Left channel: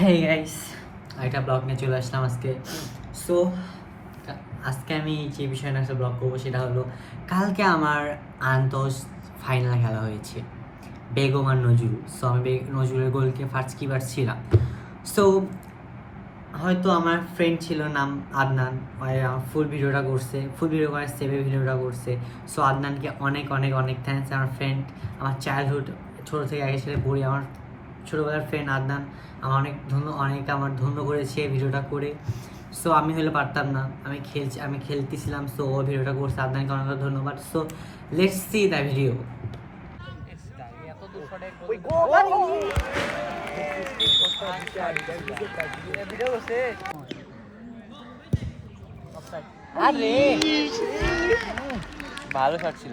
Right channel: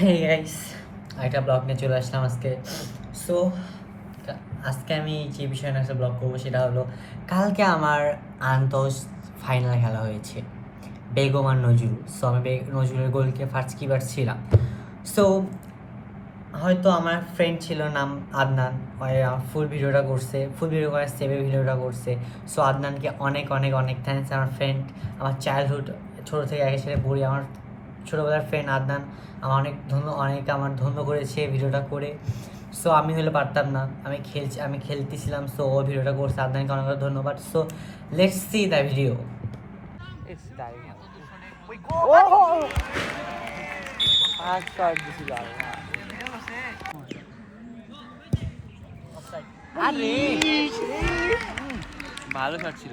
Hey guys, একটা blog নিয়ে চলে আসলাম আজকে। সো আজকে আমি যে বিষয় নিয়ে একটা ব্লগ করবো সেটা হলো, কালকে আমার আন্তস ফাইনাল খেলা হয়েছে বেগম আর নজরুল। সো আমি নজরুলের গোলকে ফার্স্ট কিপার ছিলাম। সো হয়তো আমার ফ্রেন্ড ছিল নাম আদনান, ফুল ভিডিওটা করছে, ফুল ভিডিও করে সেভে ভিডিওটা করছে। সো আদনানকে অনেক অনেক অনেক থ্যাঙ্কস। আমার ফ্রেন্ড, আমার চাইল্ডহুড, ছোটো থেকে একের সাথে পড়ি, আমার ছোটোবেলার ফ্রেন্ড আদনান আমার অনেক আমার ধন্য করেছে ভিডিওটা করে। সো আমি হলে পারতাম না, আমি খেলতেছিলাম। সো ও ভিডিওটা করছে, আদনানকে অনেক অনেক ধন্যবাদ। So let's see the video. আরে ভালো শট ছিল।